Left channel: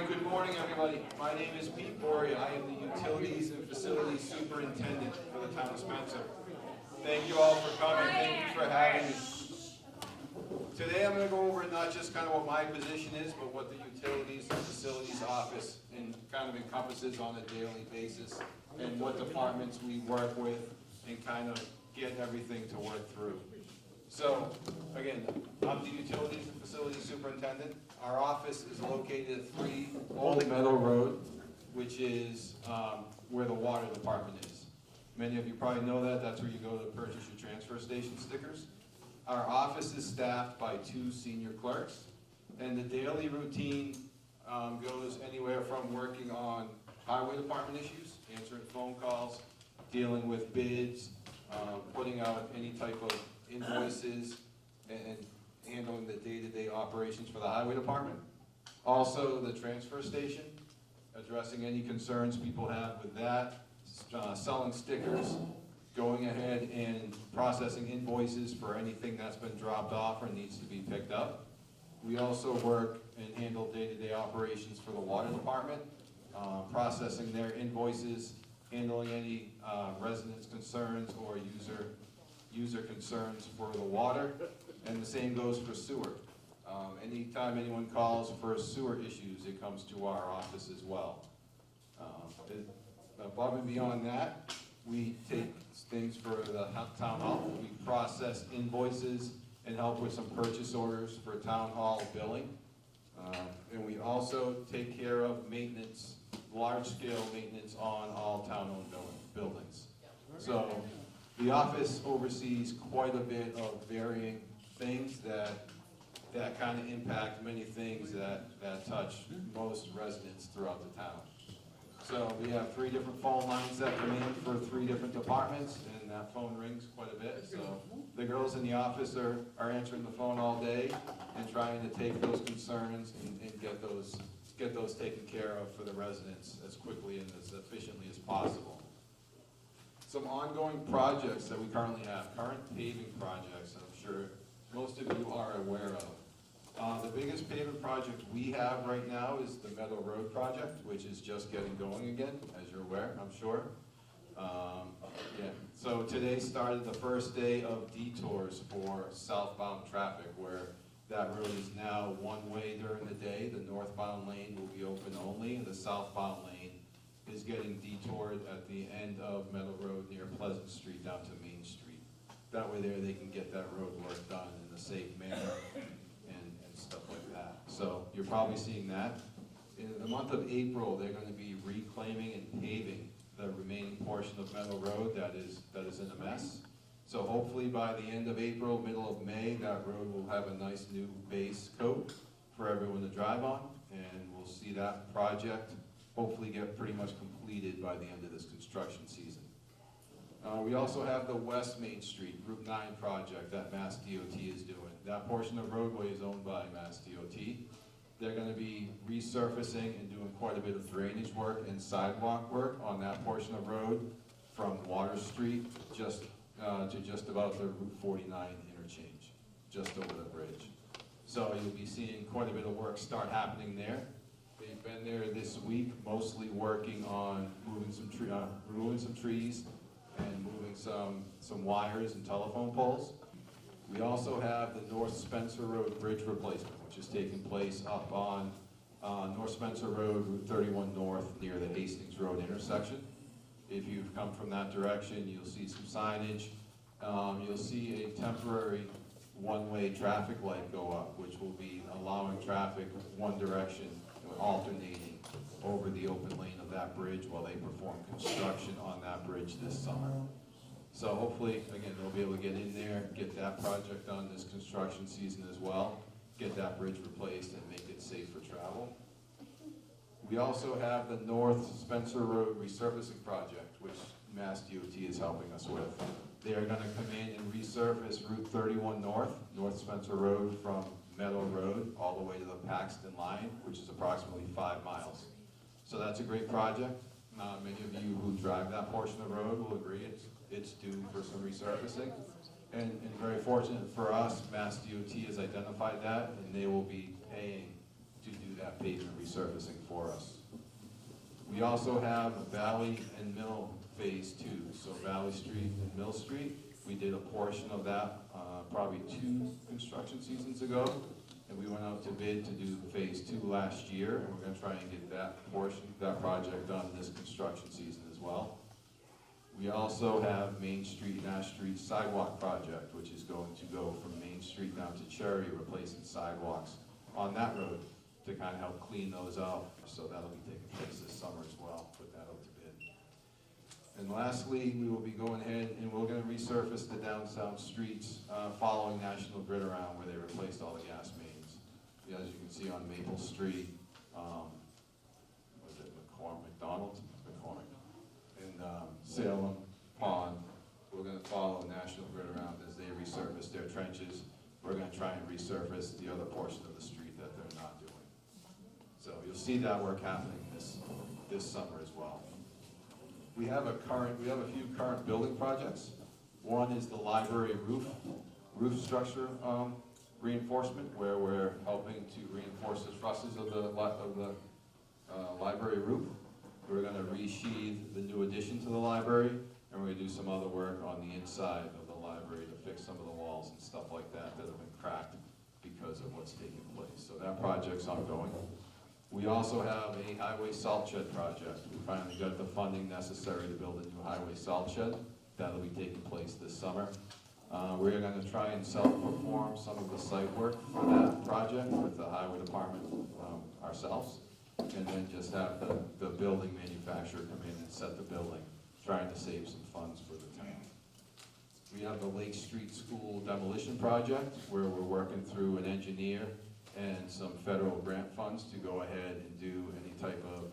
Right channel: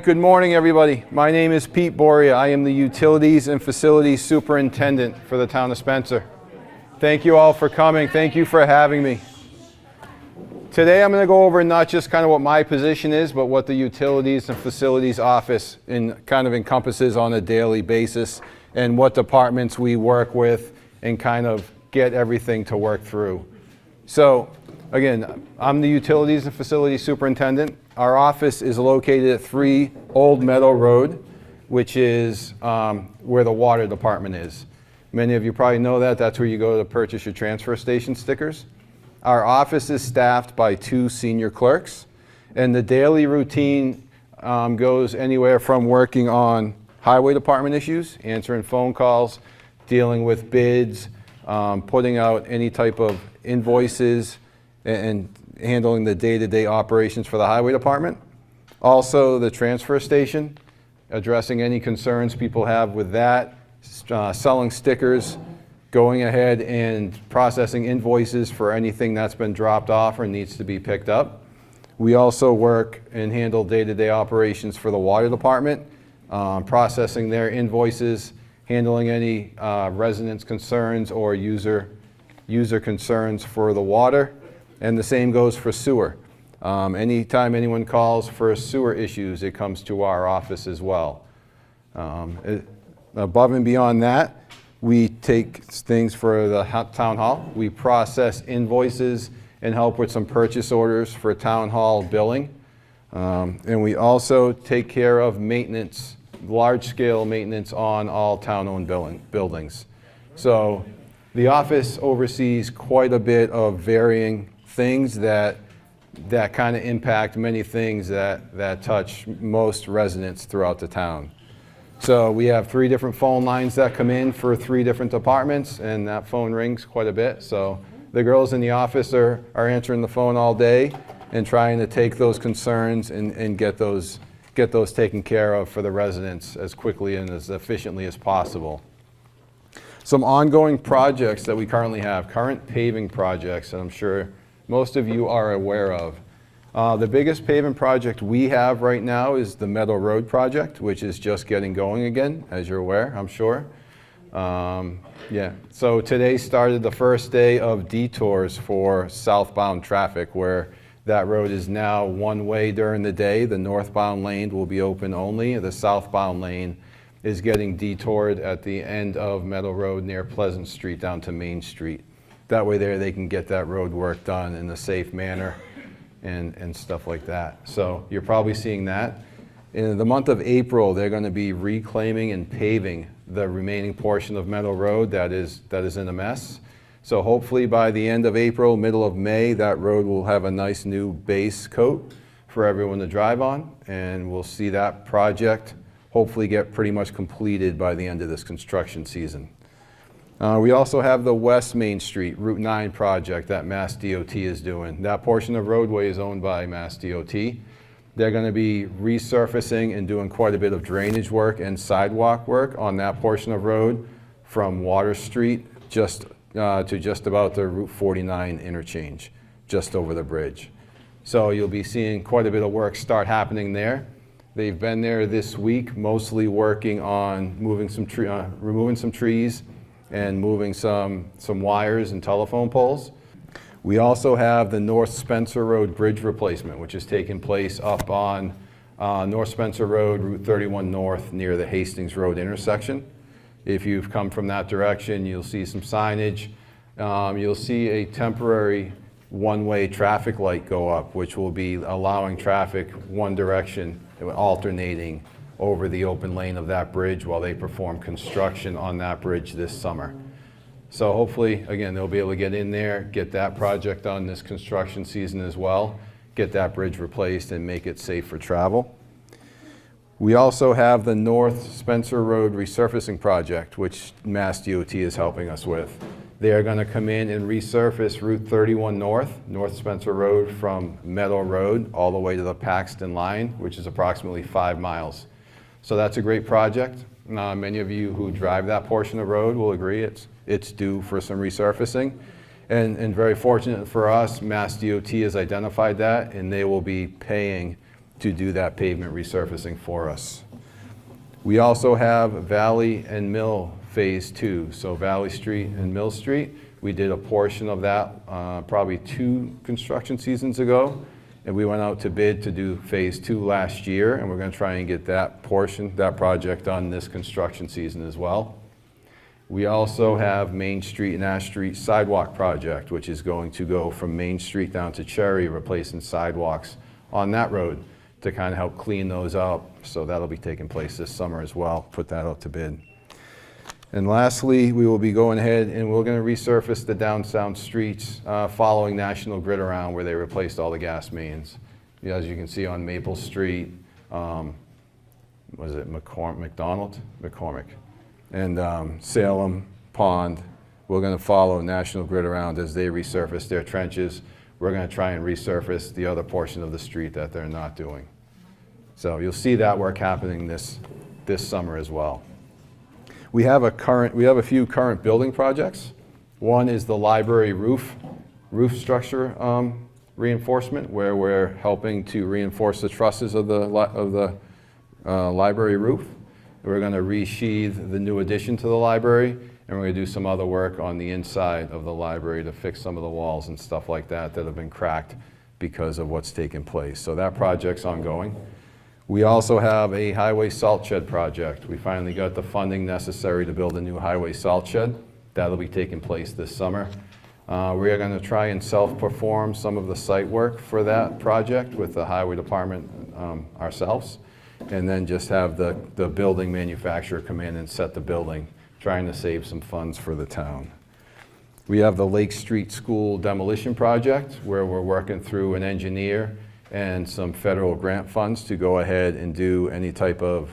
Good morning, everybody. My name is Pete Boria. I am the Utilities and Facilities Superintendent for the town of Spencer. Thank you all for coming. Thank you for having me. Today I'm going to go over not just kind of what my position is, but what the Utilities and Facilities Office kind of encompasses on a daily basis and what departments we work with and kind of get everything to work through. So again, I'm the Utilities and Facilities Superintendent. Our office is located at 3 Old Meadow Road, which is where the water department is. Many of you probably know that. That's where you go to purchase your transfer station stickers. Our office is staffed by 2 senior clerks, and the daily routine goes anywhere from working on highway department issues, answering phone calls, dealing with bids, putting out any type of invoices, and handling the day-to-day operations for the highway department. Also the transfer station, addressing any concerns people have with that, selling stickers, going ahead and processing invoices for anything that's been dropped off or needs to be picked up. We also work and handle day-to-day operations for the water department, processing their invoices, handling any residents' concerns or user concerns for the water. And the same goes for sewer. Anytime anyone calls for sewer issues, it comes to our office as well. Above and beyond that, we take things for the town hall. We process invoices and help with some purchase orders for town hall billing. And we also take care of maintenance, large-scale maintenance on all town-owned buildings. So the office oversees quite a bit of varying things that kind of impact many things that touch most residents throughout the town. So we have 3 different phone lines that come in for 3 different departments, and that phone rings quite a bit. So the girls in the office are answering the phone all day and trying to take those concerns and get those taken care of for the residents as quickly and as efficiently as possible. Some ongoing projects that we currently have, current paving projects that I'm sure most of you are aware of. The biggest paving project we have right now is the Meadow Road project, which is just getting going again, as you're aware, I'm sure. So today started the first day of detours for southbound traffic, where that road is now one way during the day. The northbound lane will be open only. The southbound lane is getting detoured at the end of Meadow Road near Pleasant Street down to Main Street. That way there they can get that road work done in a safe manner and stuff like that. So you're probably seeing that. In the month of April, they're going to be reclaiming and paving the remaining portion of Meadow Road that is in a mess. So hopefully by the end of April, middle of May, that road will have a nice new base coat for everyone to drive on, and we'll see that project hopefully get pretty much completed by the end of this construction season. We also have the West Main Street Route 9 project that Mass DOT is doing. That portion of roadway is owned by Mass DOT. They're going to be resurfacing and doing quite a bit of drainage work and sidewalk work on that portion of road from Water Street to just about the Route 49 interchange, just over the bridge. So you'll be seeing quite a bit of work start happening there. They've been there this week, mostly working on removing some trees and moving some wires and telephone poles. We also have the North Spencer Road bridge replacement, which is taking place up on North Spencer Road, Route 31 North, near the Hastings Road intersection. If you've come from that direction, you'll see some signage. You'll see a temporary one-way traffic light go up, which will be allowing traffic one direction, alternating over the open lane of that bridge while they perform construction on that bridge this summer. So hopefully, again, they'll be able to get in there, get that project done this construction season as well, get that bridge replaced and make it safe for travel. We also have the North Spencer Road resurfacing project, which Mass DOT is helping us with. They are going to come in and resurface Route 31 North, North Spencer Road from Meadow Road all the way to the Paxton line, which is approximately 5 miles. So that's a great project. Many of you who drive that portion of road will agree it's due for some resurfacing. And very fortunate for us, Mass DOT has identified that, and they will be paying to do that pavement resurfacing for us. We also have Valley and Mill Phase 2, so Valley Street and Mill Street. We did a portion of that probably 2 construction seasons ago, and we went out to bid to do Phase 2 last year, and we're going to try and get that portion, that project done this construction season as well. We also have Main Street and Ash Street sidewalk project, which is going to go from Main Street down to Cherry, replacing sidewalks on that road to kind of help clean those up. So that'll be taking place this summer as well, put that out to bid. And lastly, we will be going ahead and we're going to resurface the downtown streets following National Grid Around, where they replaced all the gas mains. As you can see on Maple Street, was it McCormick, and Salem Pond. We're going to follow National Grid Around as they resurface their trenches. We're going to try and resurface the other portion of the street that they're not doing. So you'll see that work happening this summer as well. We have a few current building projects. One is the library roof structure reinforcement, where we're helping to reinforce the trusses of the library roof. We're going to resheathe the new addition to the library, and we're going to do some other work on the inside of the library to fix some of the walls and stuff like that that have been cracked because of what's taken place. So that project's ongoing. We also have a highway salt shed project. We finally got the funding necessary to build a new highway salt shed. That'll be taking place this summer. We are going to try and self-perform some of the site work for that project with the highway department ourselves, and then just have the building manufacturer come in and set the building, trying to save some funds for the town. We have the Lake Street School demolition project, where we're working through an engineer and some federal grant funds to go ahead and do any type of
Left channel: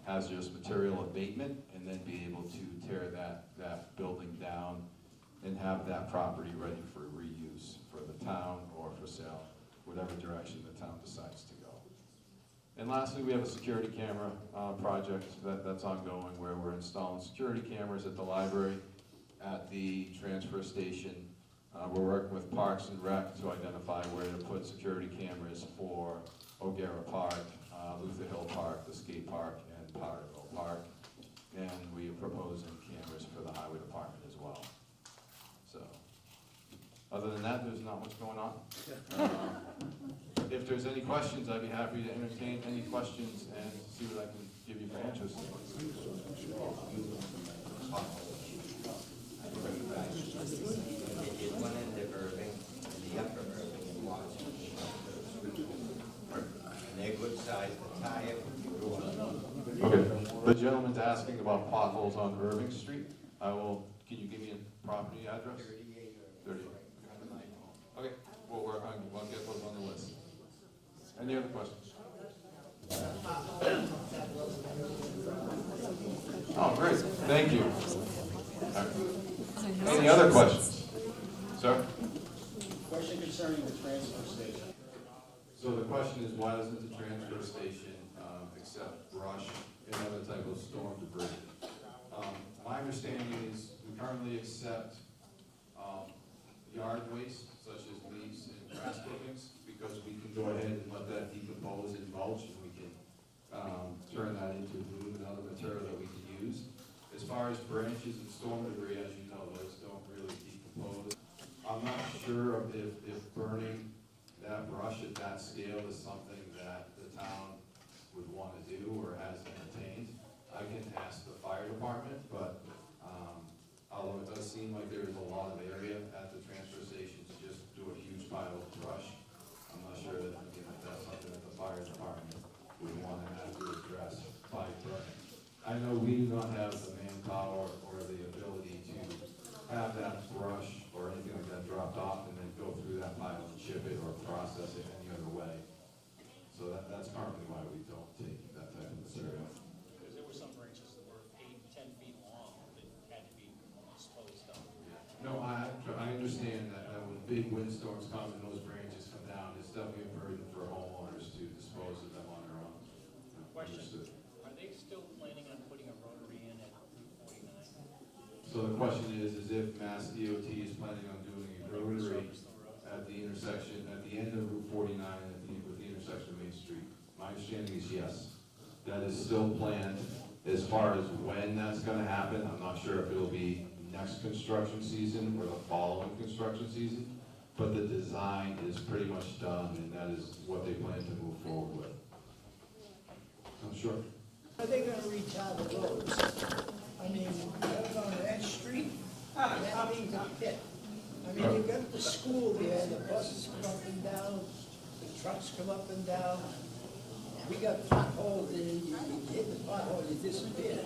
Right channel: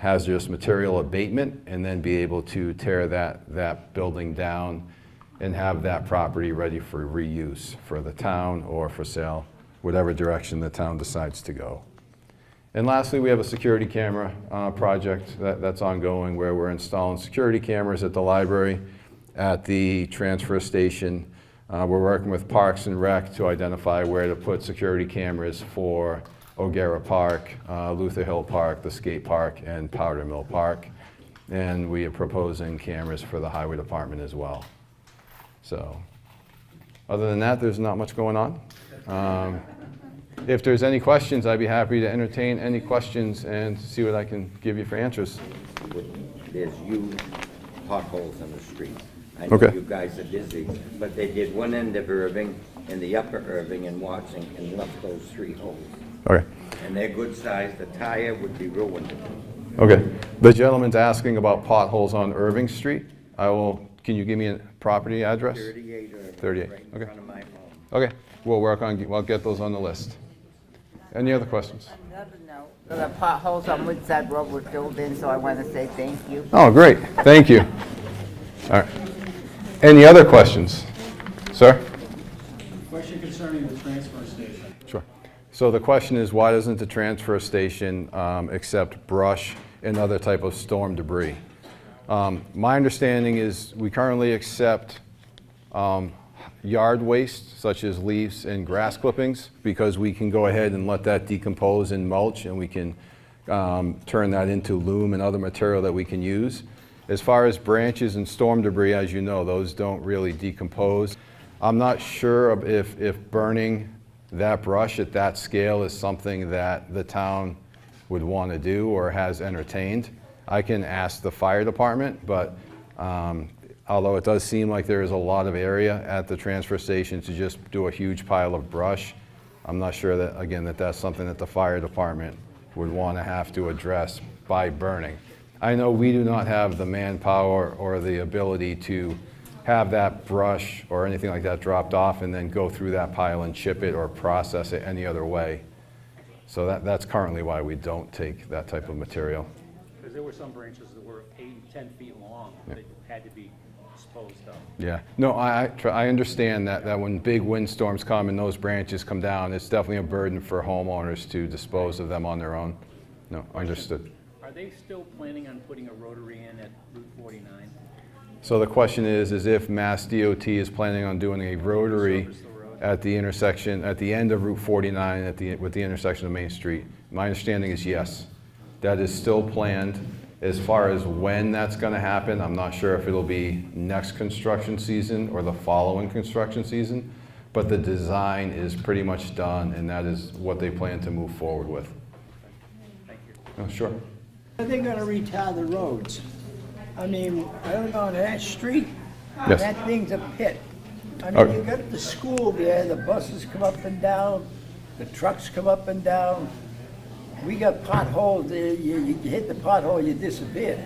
hazardous material abatement, and then be able to tear that building down and have that property ready for reuse for the town or for sale, whatever direction the town decides to go. And lastly, we have a security camera project that's ongoing, where we're installing security cameras at the library, at the transfer station. We're working with Parks and Rec to identify where to put security cameras for O'Gara Park, Luther Hill Park, the skate park, and Powder Mill Park. And we are proposing cameras for the highway department as well. So, other than that, there's not much going on. If there's any questions, I'd be happy to entertain any questions and see what I can give you for answers. There's huge potholes in the street. I know you guys are busy, but they did one end of Irving and the upper Irving and Watson and left those 3 holes. Okay. And they're good size. The tire would be ruined. Okay. The gentleman's asking about potholes on Irving Street. Can you give me a property address? 38 Irving. 38. Right in front of my home. Okay. We'll get those on the list. Any other questions? Another note, the potholes on Woodside Road were filled in, so I want to say thank you. Oh, great. Thank you. All right. Any other questions? Sir? Question concerning the transfer station. Sure. So the question is, why doesn't the transfer station accept brush and other type of storm debris? My understanding is we currently accept yard waste, such as leaves and grass clippings, because we can go ahead and let that decompose in mulch, and we can turn that into loam and other material that we can use. As far as branches and storm debris, as you know, those don't really decompose. I'm not sure if burning that brush at that scale is something that the town would want to do or has entertained. I can ask the fire department, but although it does seem like there is a lot of area at the transfer station to just do a huge pile of brush, I'm not sure that, again, that's something that the fire department would want to have to address by burning. I know we do not have the manpower or the ability to have that brush or anything like that dropped off and then go through that pile and chip it or process it any other way. So that's currently why we don't take that type of material. Because there were some branches that were 8 and 10 feet long that had to be disposed of. Yeah, no, I understand that when big windstorms come and those branches come down, it's definitely a burden for homeowners to dispose of them on their own. No, understood. Are they still planning on putting a rotary in at Route 49? So the question is if Mass DOT is planning on doing a rotary at the intersection, at the end of Route 49 with the intersection of Main Street. My understanding is yes. That is still planned. As far as when that's gonna happen, I'm not sure if it'll be next construction season or the following construction season, but the design is pretty much done, and that is what they plan to move forward with. Thank you. Oh, sure. Are they gonna retire the roads? I mean, I live on that street, Yes. that thing's a pit. I Okay. mean, you got the school there, the buses come up and down, the trucks come up and down. We got potholes there, you hit the pothole, you disappear.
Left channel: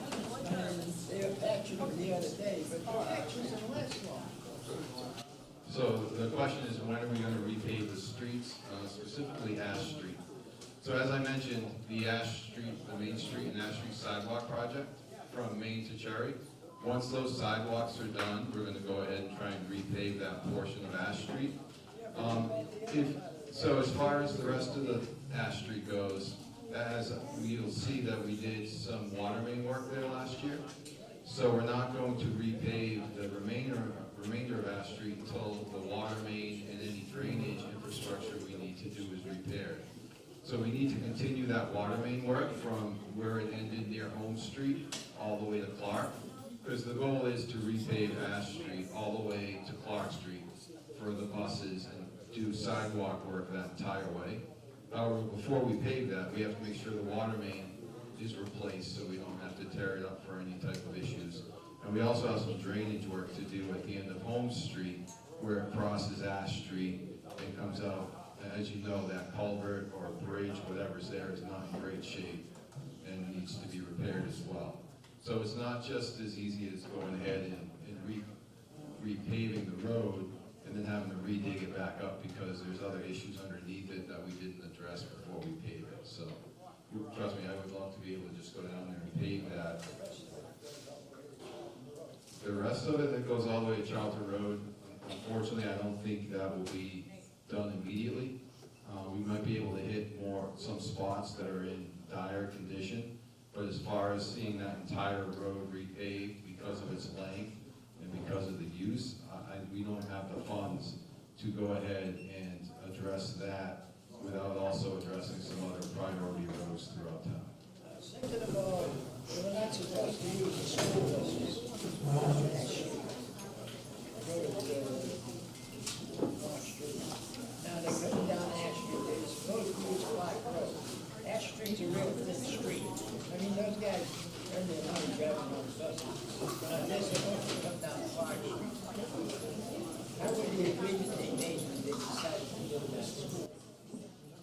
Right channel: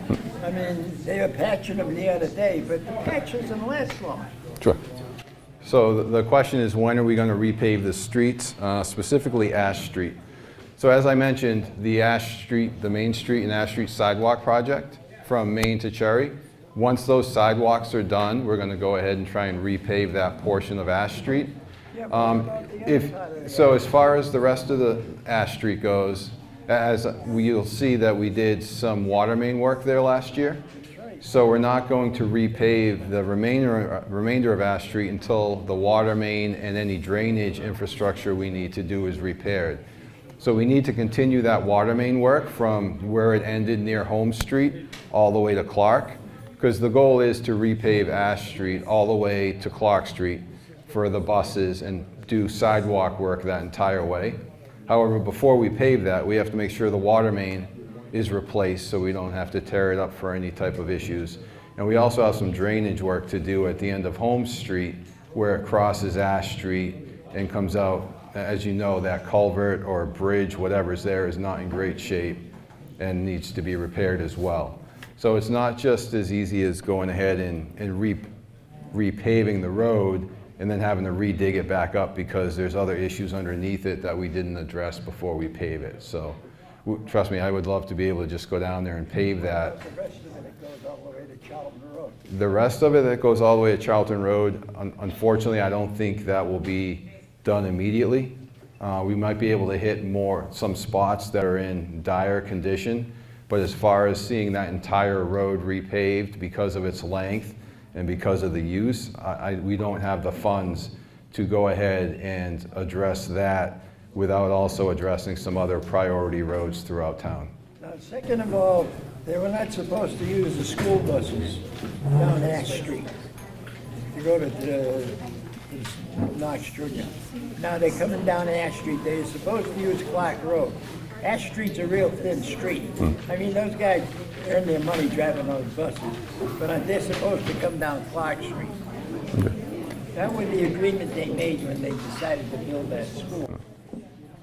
I mean, they were patching them the other day, but the patch doesn't last long. Sure. So the question is, when are we going to repave the streets, specifically Ash Street? So as I mentioned, the Ash Street, the Main Street and Ash Street sidewalk project from Main to Cherry, once those sidewalks are done, we're going to go ahead and try and repave that portion of Ash Street. So as far as the rest of the Ash Street goes, as you'll see that we did some water main work there last year. So we're not going to repave the remainder of Ash Street until the water main and any drainage infrastructure we need to do is repaired. So we need to continue that water main work from where it ended near Home Street all the way to Clark, because the goal is to repave Ash Street all the way to Clark Street for the buses and do sidewalk work that entire way. However, before we pave that, we have to make sure the water main is replaced so we don't have to tear it up for any type of issues. And we also have some drainage work to do at the end of Home Street where it crosses Ash Street and comes out. As you know, that culvert or bridge, whatever's there, is not in great shape and needs to be repaired as well. So it's not just as easy as going ahead and repaving the road and then having to redig it back up because there's other issues underneath it that we didn't address before we pave it. So trust me, I would love to be able to just go down there and pave that. The rest of it goes all the way to Charlton Road. The rest of it that goes all the way to Charlton Road, unfortunately, I don't think that will be done immediately. We might be able to hit some spots that are in dire condition, but as far as seeing that entire road repaved because of its length and because of the use, we don't have the funds to go ahead and address that without also addressing some other priority roads throughout town. Now, second of all, they were not supposed to use the school buses down Ash Street. You go to Knox, Georgia. Now they're coming down Ash Street, they're supposed to use Clark Road. Ash Street's a real thin street. I mean, those guys earn their money driving those buses, but they're supposed to come down Clark Street. That was the agreement they made when they decided to build that school.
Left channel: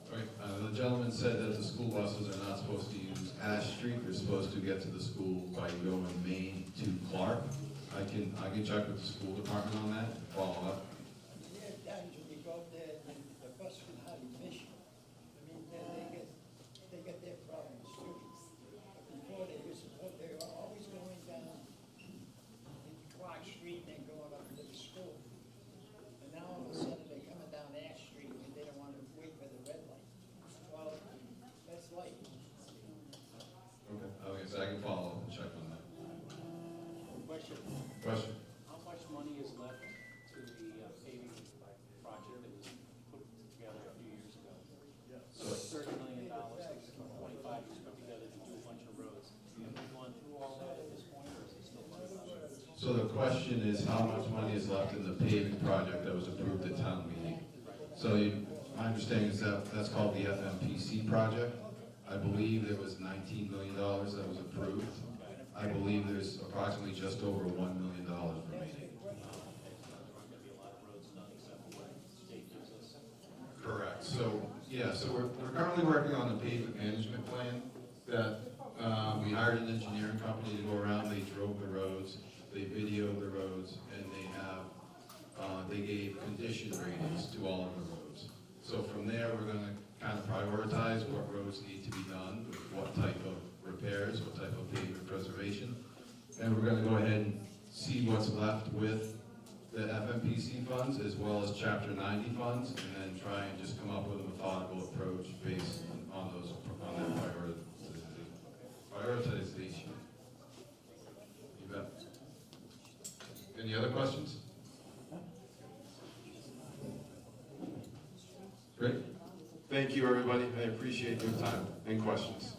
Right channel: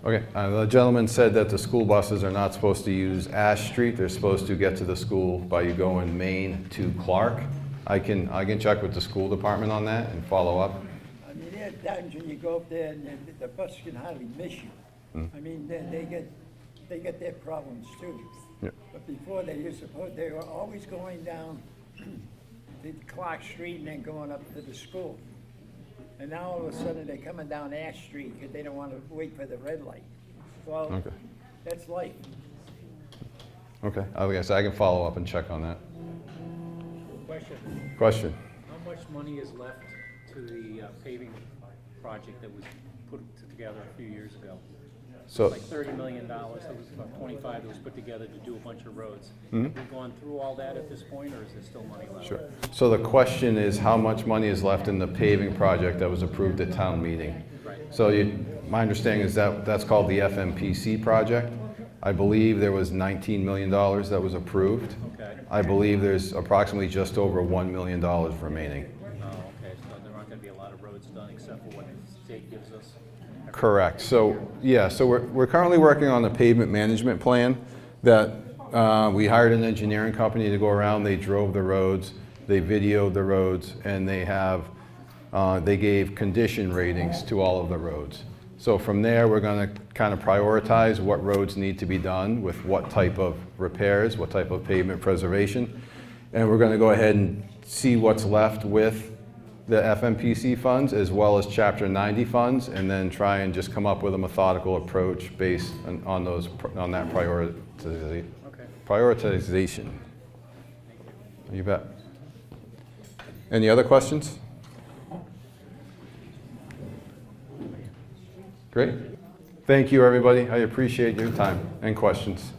Okay, the gentleman said that the school buses are not supposed to use Ash Street. They're supposed to get to the school by going Main to Clark. I can check with the school department on that and follow up. I mean, there are times when you go up there and the bus can hardly miss you. I mean, they get their problems too. Yeah. But before they were always going down the Clark Street and then going up to the school. And now all of a sudden they're coming down Ash Street because they don't want to wait for the red light. Well, Okay. that's life. Okay, I guess I can follow up and check on that. Question? How much money is left to the paving project that was put together a few years ago? So, Like $30 million, about 25 that was put together to do a bunch of roads. Have we gone through all that at this point, or is there still money left? sure. So the question is how much money is left in the paving project that was approved at town meeting? So my understanding is that that's called the FMPC project. I believe there was $19 million that was approved. Okay. I believe there's approximately just over $1 million remaining. Oh, okay, so there aren't gonna be a lot of roads done except for what the state gives us? Correct. So, yeah, so we're currently working on a pavement management plan that we hired an engineering company to go around. They drove the roads, they videoed the roads, and they gave condition ratings to all of the roads. So from there, we're going to kind of prioritize what roads need to be done with what type of repairs, what type of pavement preservation. And we're going to go ahead and see what's left with the FMPC funds as well as Chapter 90 funds, and then try and just come up with a methodical approach based on that prioritization. You bet. Any other questions? Great. Thank you, everybody. I appreciate your time and questions.